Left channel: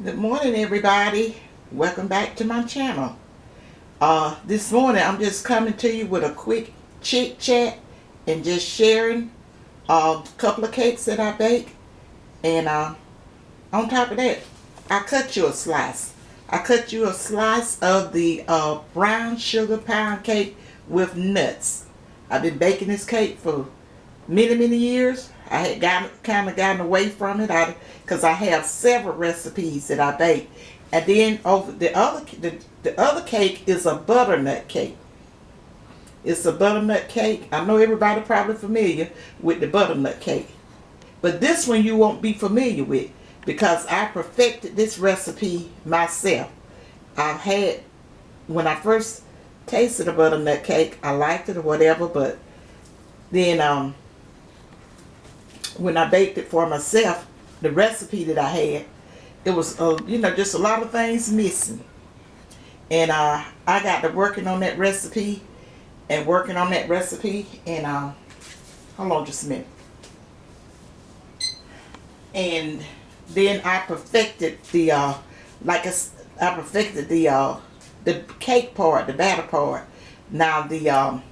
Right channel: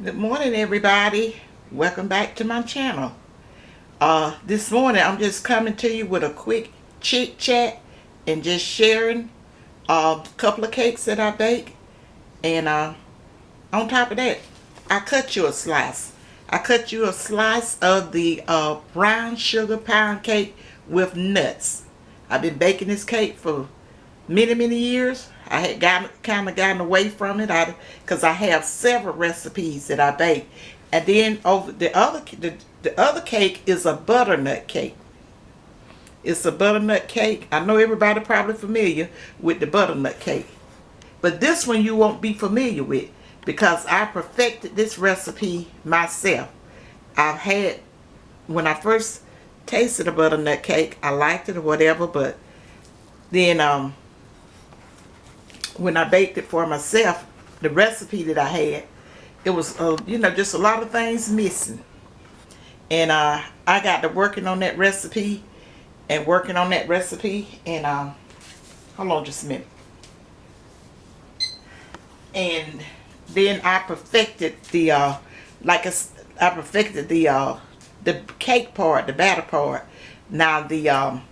Good morning, everybody. Welcome back to my channel. This morning I'm just coming to you with a quick chit chat and just sharing a couple of cakes that I bake. And on top of that, I cut you a slice. I cut you a slice of the brown sugar pound cake with nuts. I've been baking this cake for many years. I had gotten away from it because I have several recipes that I bake. And then over the other cake is a butternut cake. It's a butternut cake. I know everybody probably familiar with the butternut cake. But this one you won't be familiar with because I perfected this recipe myself. I've had, when I first tasted a butternut cake, I liked it or whatever, but then when I baked it for myself, the recipe that I had, it was, just a lot of things missing. And I got to working on that recipe and working on that recipe. And hold on just a minute. And then I perfected I perfected the cake part, the batter part. Now the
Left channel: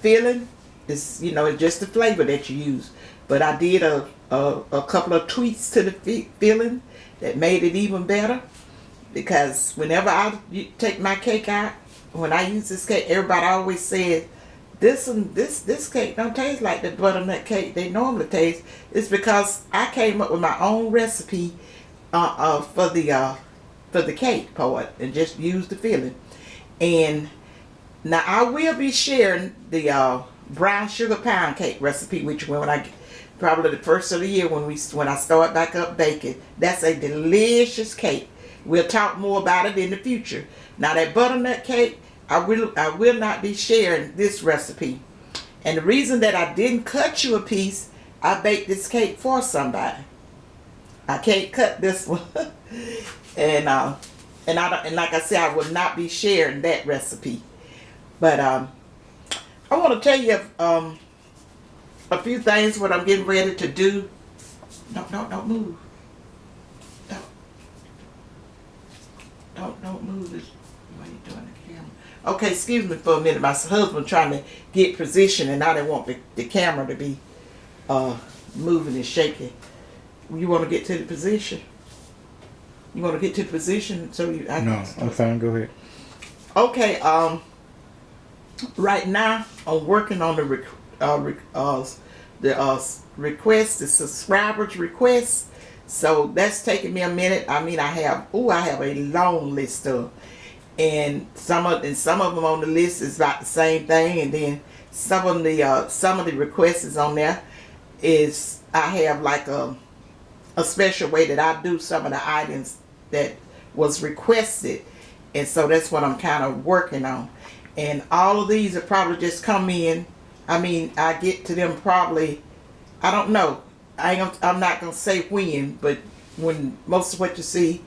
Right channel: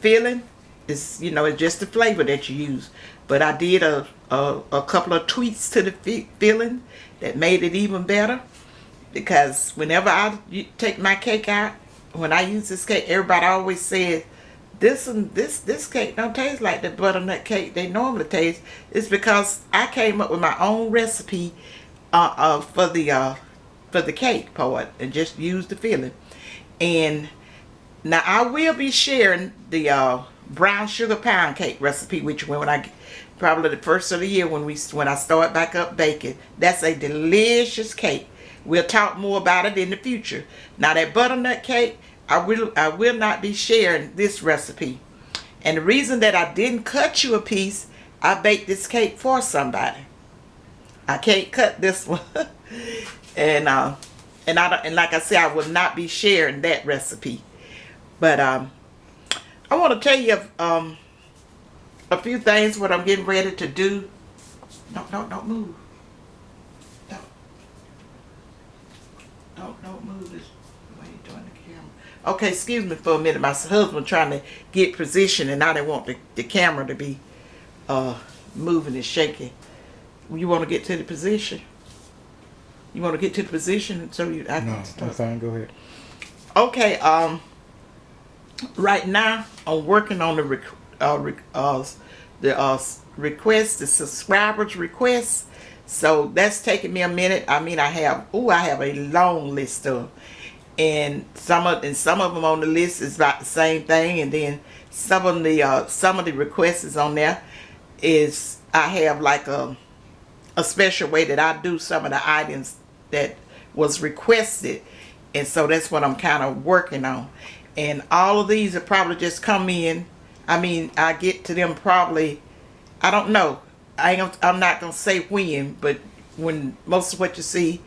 filling is, it's just the flavor that you use. But I did a couple of tweaks to the filling that made it even better. Because whenever I take my cake out, when I use this cake, everybody always says, this cake don't taste like the butternut cake they normally taste. It's because I came up with my own recipe for the cake part and just use the filling. And now I will be sharing the brown sugar pound cake recipe with you when I probably the first of the year when I start back up baking. That's a delicious cake. We'll talk more about it in the future. Now that butternut cake, I will not be sharing this recipe. And the reason that I didn't cut you a piece, I baked this cake for somebody. I can't cut this one. and like I said, I will not be sharing that recipe. But I want to tell you a few things what I'm getting ready to do. Don't move. Don't move this. Why are you doing the camera? Okay, excuse me for a minute. My husband trying to get position, and I didn't want the camera to be moving and shaking. You want to get to the position? You want to get to the position so you? No, I'm fine. Go ahead. Okay. Right now I'm working on the request, the subscribers requests. So that's taking me a minute. I mean, I have a long list of, and some of them on the list is about the same thing, and then some of the requests is on there is I have like a special way that I do some of the items that was requested, and so that's what I'm kind of working on. And all of these will probably just come in. I mean, I get to them probably, I don't know. I'm not going to say when, but when most of what you see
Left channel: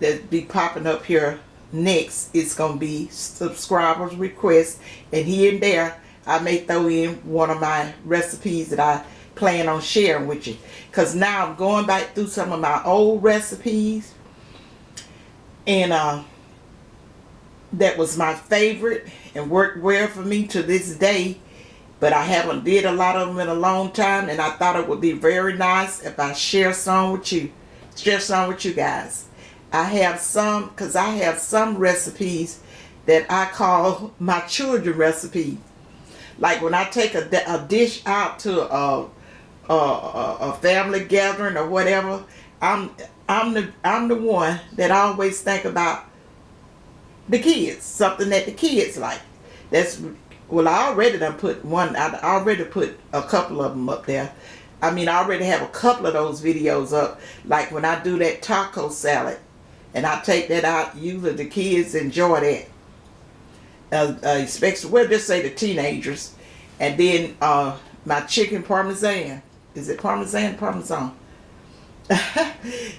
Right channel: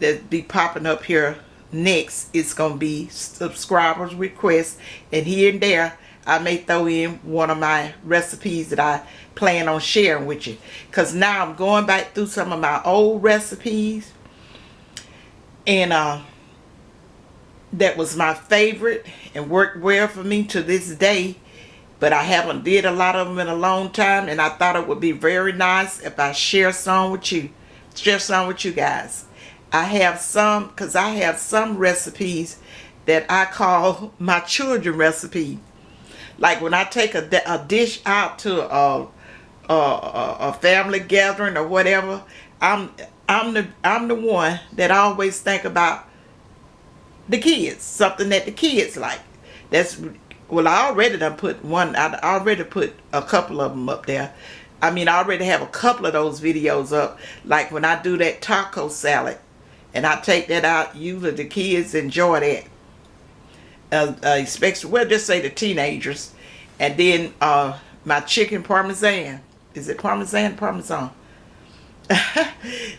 that be popping up here next, it's going to be subscribers requests. And here and there, I may throw in one of my recipes that I plan on sharing with you. Because now I'm going back through some of my old recipes. And that was my favorite and worked well for me to this day. But I haven't did a lot of them in a long time, and I thought it would be very nice if I share some with you. Share some with you guys. I have some recipes that I call my children recipe. Like when I take a dish out to a family gathering or whatever, I'm the one that always think about the kids, something that the kids like. I already done put one. I already put a couple of them up there. I mean, I already have a couple of those videos up. Like when I do that taco salad, and I take that out. Usually the kids enjoy that. Especially, well, just say the teenagers. And then my chicken parmesan. Is it parmesan? Parmesan.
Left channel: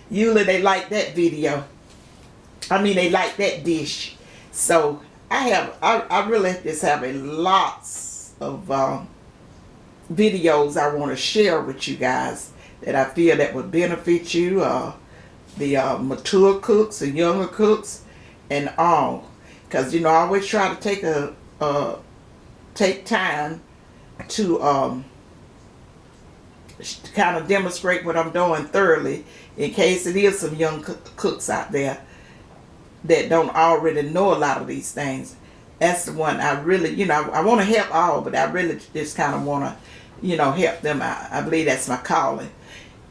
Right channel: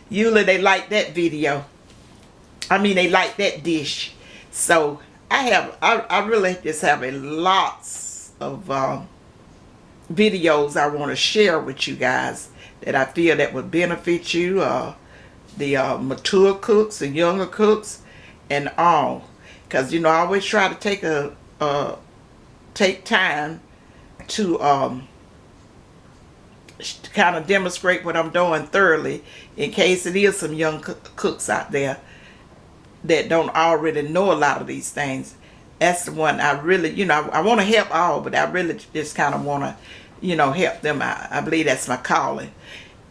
Usually they like that video. I mean, they like that dish. So I really just have a lots of videos I want to share with you guys that I feel that would benefit you the mature cooks, the younger cooks, and all. Because I always try to take time to kind of demonstrate what I'm doing thoroughly, in case it is some young cooks out there that don't already know a lot of these things. That's the one I really, I want to help all, but I really just kind of want to, help them out. I believe that's my calling.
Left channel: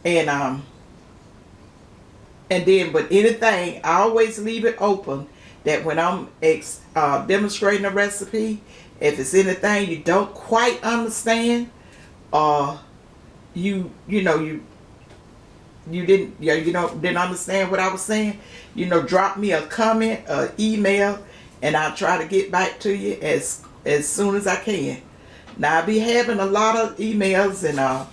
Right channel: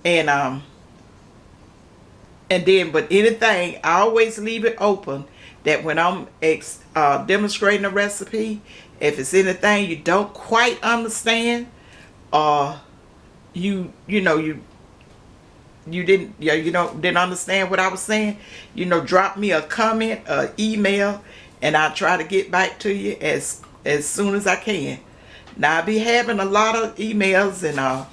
And then, but anything, I always leave it open that when I'm demonstrating a recipe, if it's anything you don't quite understand, or you didn't understand what I was saying, drop me a comment, email, and I'll try to get back to you as soon as I can. Now I'll be having a lot of emails and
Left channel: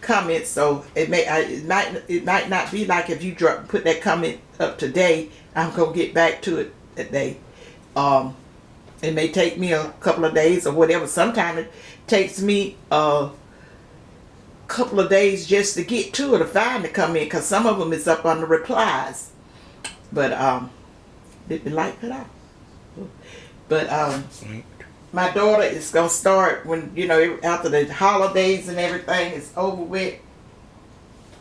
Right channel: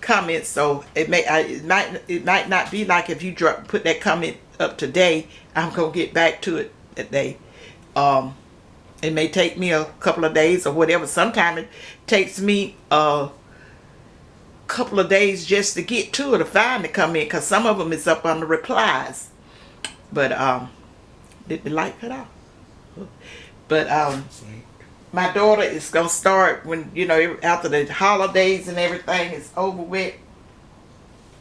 comments, so it might not be like if you put that comment up today, I'm gonna get back to it that day. It may take me a couple of days or whatever. Sometimes it takes me a couple of days just to get to it, to find the comment, because some of them is up on the replies. But did the light cut off? But my daughter is gonna start when after the holidays and everything is over with.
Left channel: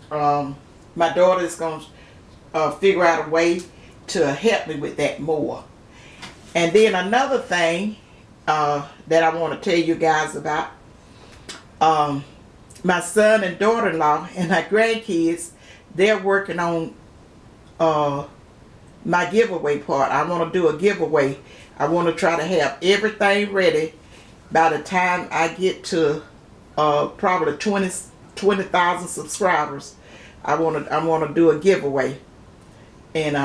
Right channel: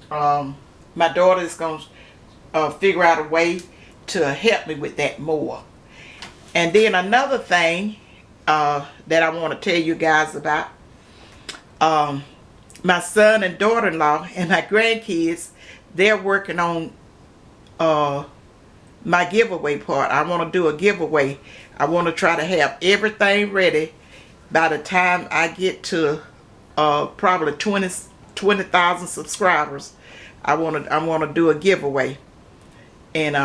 My daughter is gonna figure out a way to help me with that more. And then another thing that I want to tell you guys about, my son and daughter-in-law and my grandkids, they're working on my giveaway part. I want to do a giveaway. I want to try to have everything ready by the time I get to probably 20,000 subscribers. I want to do a giveaway, and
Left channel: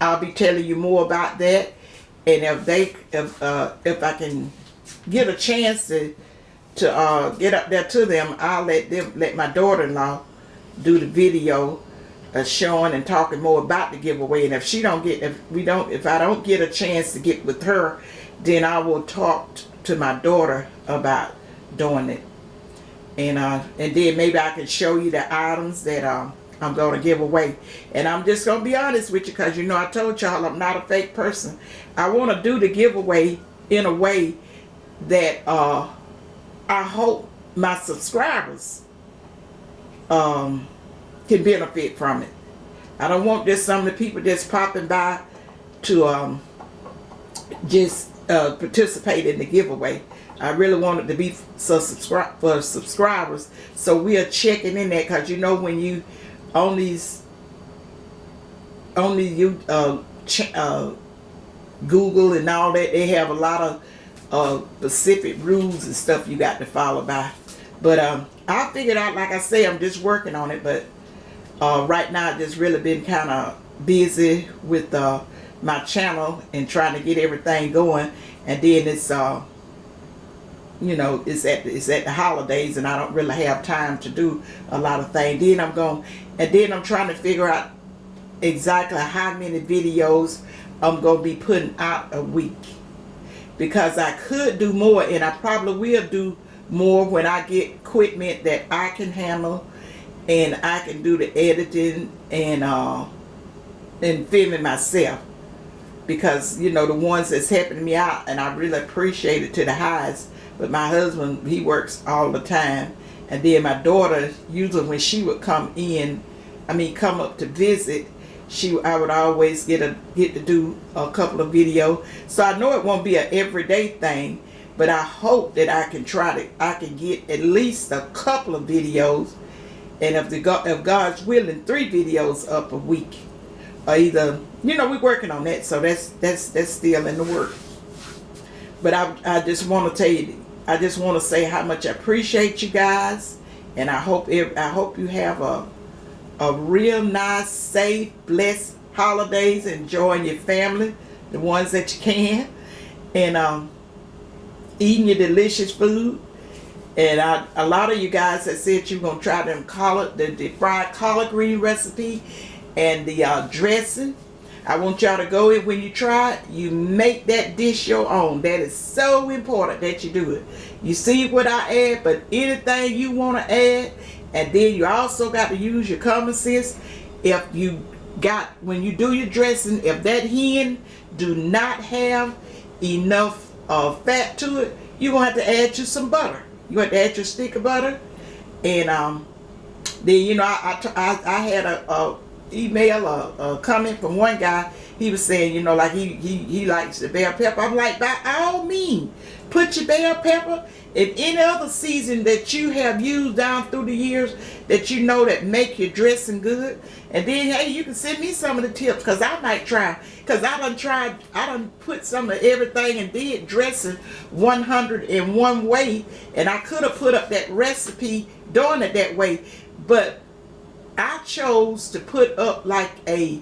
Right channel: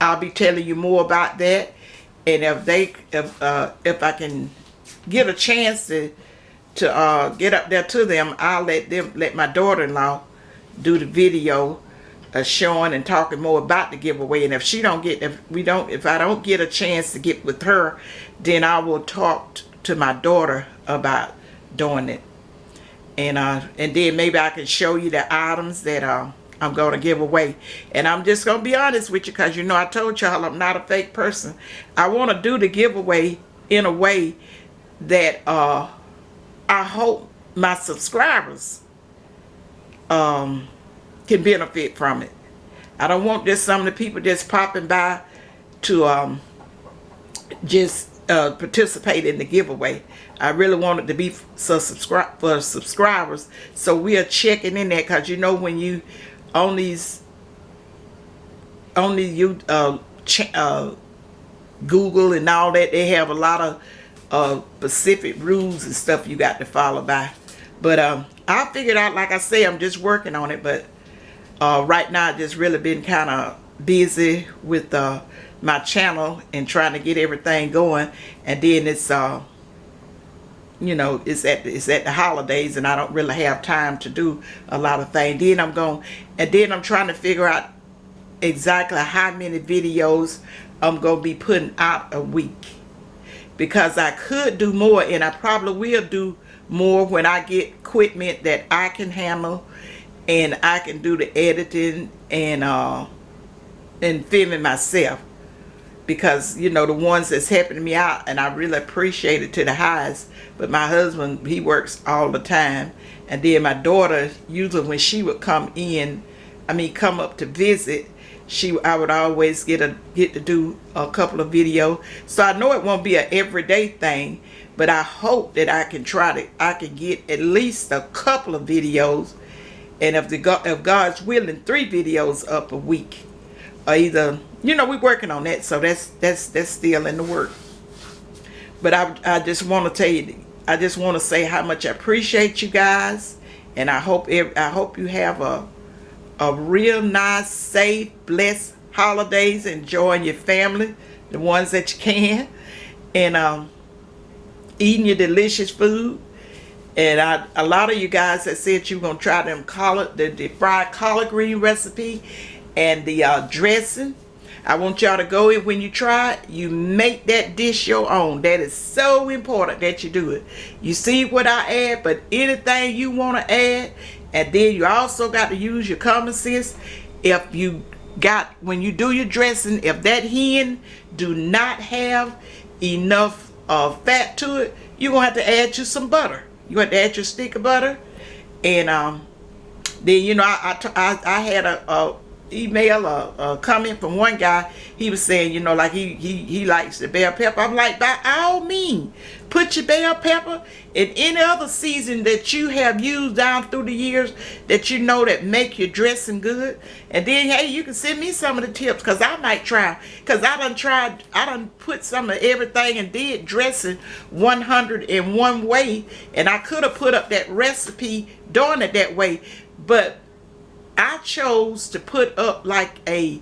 I'll be telling you more about that. And if I can get a chance to get up there to them, I'll let my daughter-in-law do the video showing and talking more about the giveaway. And if I don't get a chance to get with her, then I will talk to my daughter about doing it. And then maybe I can show you the items that I'm going to give away. And I'm just going to be honest with you, because I told y'all I'm not a fake person. I want to do the giveaway in a way that I hope my subscribers can benefit from it. I don't want just some of the people just popping by to just participate in the giveaway. I really want it to be for subscribers. So we are checking in that, because when you on these Google and all that, they have a lot of specific rules and stuff you got to follow by. But I figured out, like I say, I'm just working on it. But right now I've just really been kind of busy with my channel and trying to get everything going. And then it's it's at the holidays, and I don't really have time to do a lot of things. Then I'm trying to figure out exactly how many videos I'm going to be putting out a week, because I could do more, and I probably will do more when I get equipment that I can handle, and I can do the editing and filming myself. Because the ones that's helping me out, and I really appreciate it to the highest. But my husband, he works all the time, and then my daughter, usually when she would come up to visit, I would always get to do a couple of videos. So I know it won't be an everyday thing, but I hope that I can get at least a couple of videos, and if God's willing, 3 videos up a week. Or either, we're working on that, so that's still in the work. But I just want to tell you, I just want to say how much I appreciate you guys, and I hope you have a real nice, safe, blessed holidays, enjoying your family, the ones that you can, and eating your delicious food. And a lot of you guys that said you're gonna try them the fried collard green recipe and the dressing. I want y'all to go in, when you try it, you make that dish your own. That is so important that you do it. You see what I add, but anything you want to add, and then you also got to use your common sense. If you when you do your dressing, if that hen do not have enough fat to it, you're gonna have to add you some butter. You have to add your stick of butter. And then, you know, I had a email, a comment from one guy. He was saying, you know, like he likes the bell pepper. I'm like, by all means, put your bell pepper in any other season that you have used down through the years that you know that make your dressing good. And then, hey, you can send me some of the tips, because I might try. Because I done put some of everything and did dressing 101 way. And I could have put up that recipe doing it that way. But I chose to put up like a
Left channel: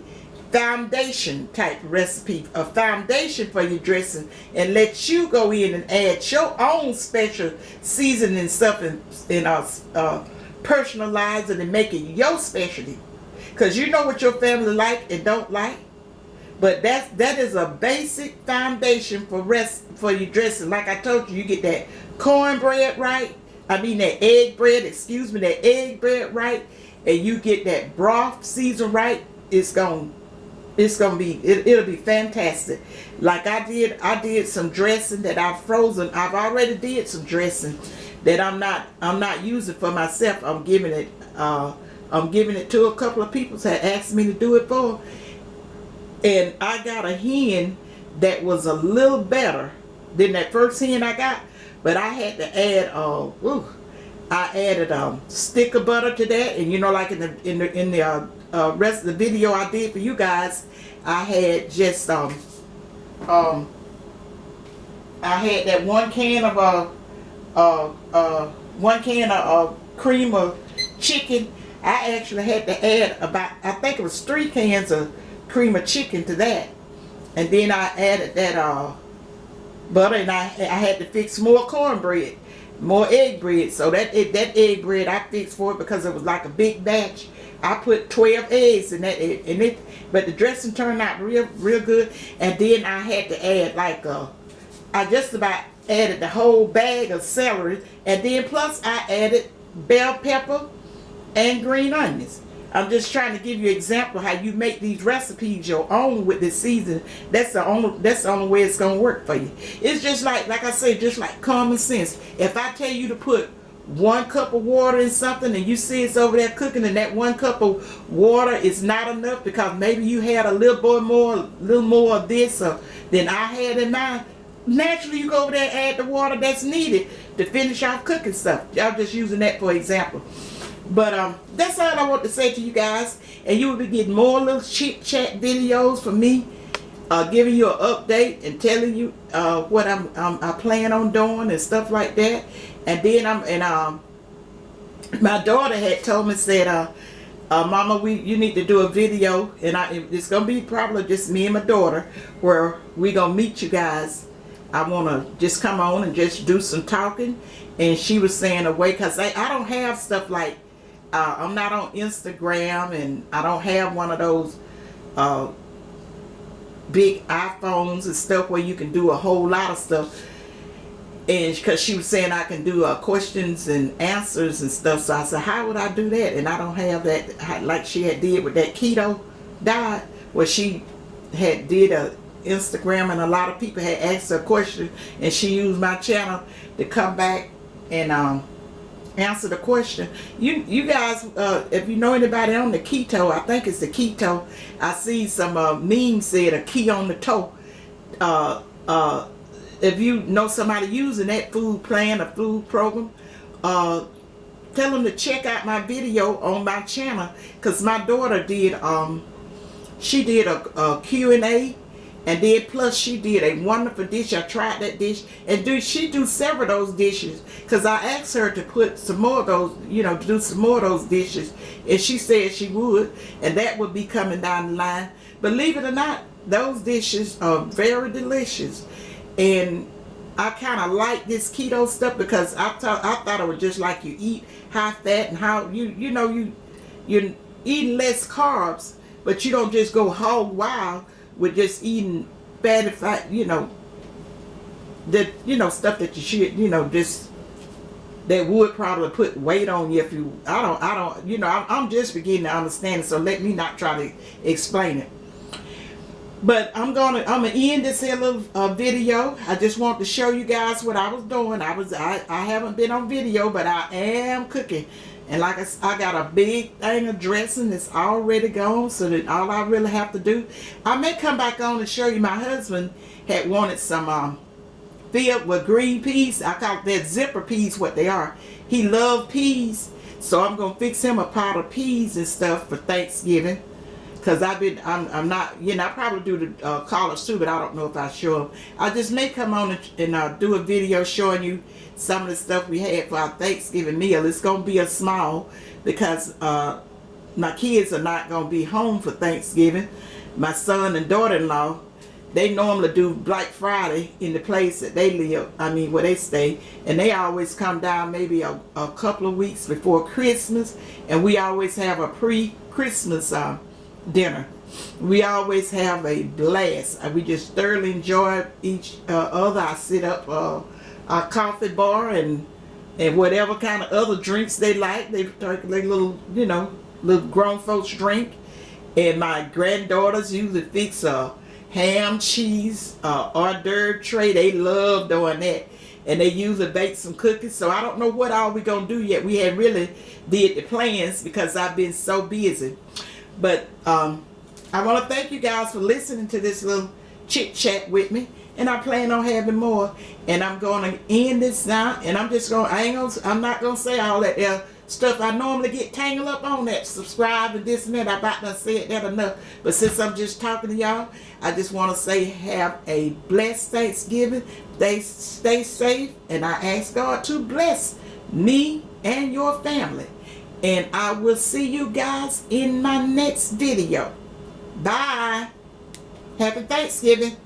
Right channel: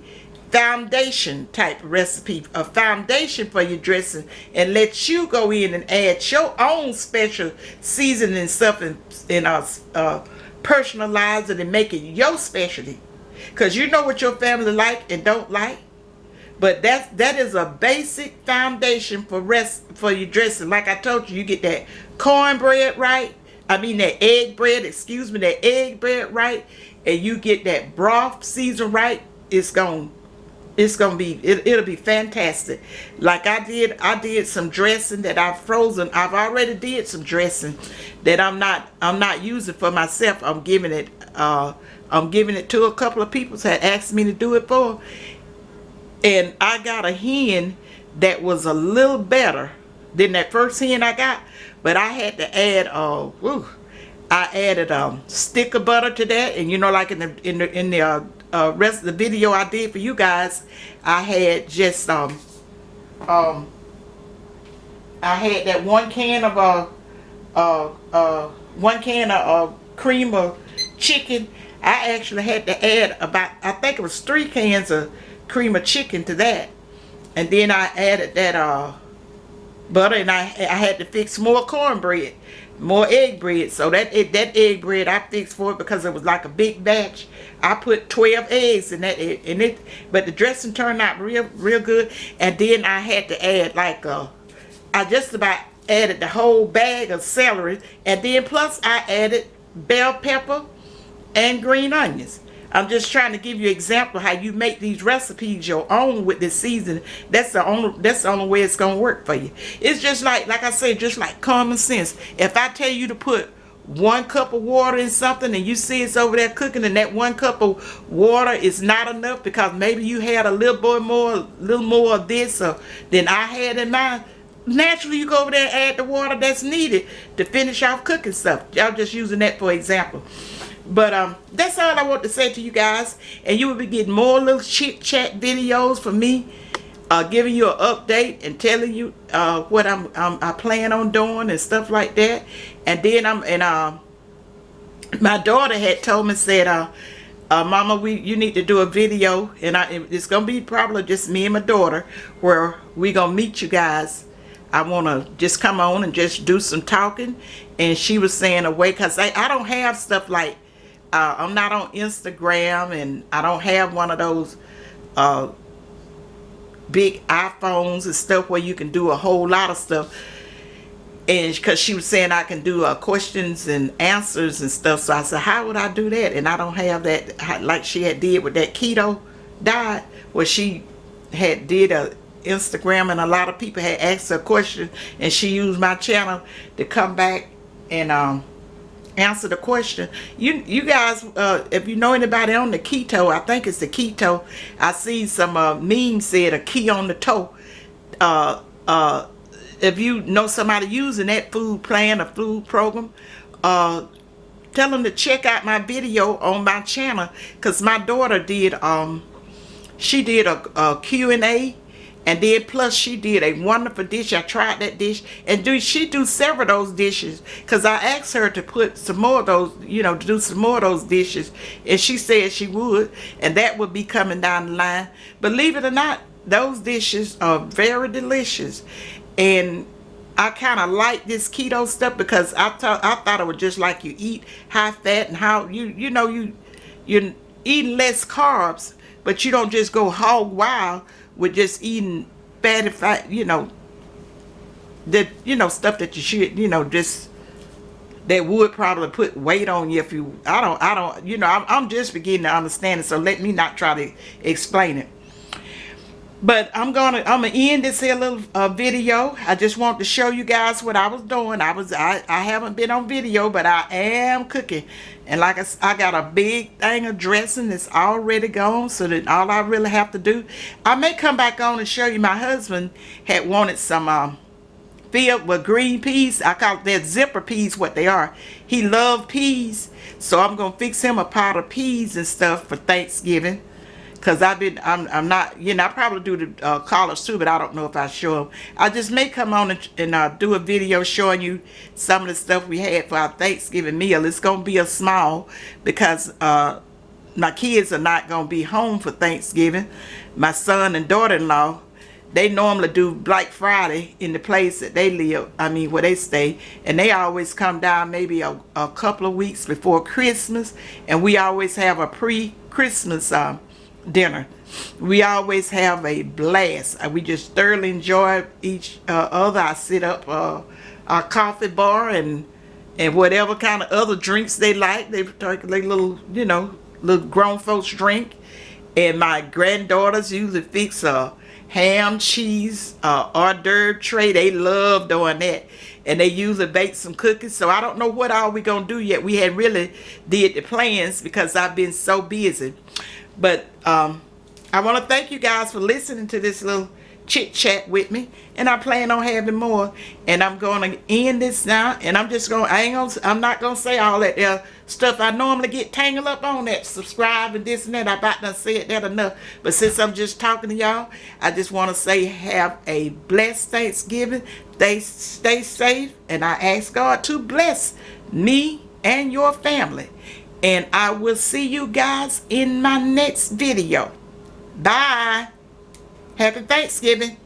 foundation type recipe, a foundation for your dressing, and let you go in and add your own special seasoning stuff and personalize it and make it your specialty, because you know what your family like and don't like. But that is a basic foundation for your dressing. Like I told you, you get that cornbread right, that egg bread right, and you get that broth season right, it'll be fantastic. Like I did some dressing that I've frozen. I've already did some dressing that I'm not using for myself. I'm giving it to a couple of people that asked me to do it for. And I got a hen that was a little better than that first hen I got, but I had to add I added stick of butter to that. And you know, like in the rest of the video I did for you guys, I had just I had that 1 can of cream of chicken. I actually had to add about, I think it was 3 cans of cream of chicken to that. And then I added that butter, and I had to fix more cornbread, more egg bread. So that egg bread I fixed for it because it was like a big batch. I put 12 eggs in that, but the dressing turned out real good. And then I had to add I just about added the whole bag of celery, and then plus I added bell pepper and green onions. I'm just trying to give you an example how you make these recipes your own with this season. That's the only way it's gonna work for you. It's just like I say, just like common sense. If I tell you to put 1 cup of water in something, and you see it's over there cooking, and that 1 cup of water is not enough because maybe you had a little more of this than I had in mine, naturally you go over there and add the water that's needed to finish off cooking stuff. I'm just using that for example. But that's all I want to say to you guys, and you will be getting more little chit chat videos from me, giving you an update and telling you what I plan on doing and stuff like that. And then my daughter had told me, said, Mama, you need to do a video, and it's gonna be probably just me and my daughter, where we gonna meet you guys. I want to just come on and just do some talking. And she was saying away, because I don't have stuff like, I'm not on Instagram, and I don't have one of those big iPhones and stuff where you can do a whole lot of stuff. And because she was saying I can do questions and answers and stuff, so I said, how would I do that? And I don't have that like she had did with that keto diet, where she had did a Instagram, and a lot of people had asked her a question, and she used my channel to come back and answer the question. You guys, if you know anybody on the keto, I think it's the keto. I see some memes said a key on the toe. If you know somebody using that food plan or food program, tell them to check out my video on my channel, because my daughter did she did a Q&A. And then plus she did a wonderful dish. I tried that dish, and she do several of those dishes, because I asked her to put some more of those, to do some more of those dishes, and she said she would, and that would be coming down the line. Believe it or not, those dishes are very delicious, and I kind of like this keto stuff because I thought it was just like you eat high fat, and how you're eating less carbs, but you don't just go hog wild with just eating fatty fat, stuff that you should, that would probably put weight on you if you, I don't, you know, I'm just beginning to understand it, so let me not try to explain it. But I'm gonna end this here little video. I just want to show you guys what I was doing. I haven't been on video, but I am cooking. And like I got a big thing of dressing that's already gone, so that all I really have to do, I may come back on and show you. My husband had wanted some filled with green peas. I call that zipper peas, what they are. He loved peas, so I'm gonna fix him a pot of peas and stuff for Thanksgiving. Cause I'm not, you know, I probably do the collards too, but I don't know if I show them. I just may come on and do a video showing you some of the stuff we had for our Thanksgiving meal. It's gonna be a small, because my kids are not gonna be home for Thanksgiving. My son and daughter-in-law, they normally do Black Friday in the place that they live, where they stay, and they always come down maybe a couple of weeks before Christmas, and we always have a pre-Christmas dinner. We always have a blast. We just thoroughly enjoy each other. I sit up our coffee bar and whatever kind of other drinks they like. They take like little, you know, little grown folks drink. And my granddaughters usually fix a ham, cheese, hors d'oeuvre tray. They love doing that. And they usually bake some cookies. So I don't know what all we gonna do yet. We hadn't really did the plans because I've been so busy. But I want to thank you guys for listening to this little chit chat with me, and I plan on having more. And I'm going to end this now, and I'm not gonna say all that stuff I normally get tangled up on, that subscribe and this and that. I about to say that enough. But since I'm just talking to y'all, I just want to say have a blessed Thanksgiving. Stay safe, and I ask God to bless me and your family. And I will see you guys in my next video. Bye. Happy Thanksgiving.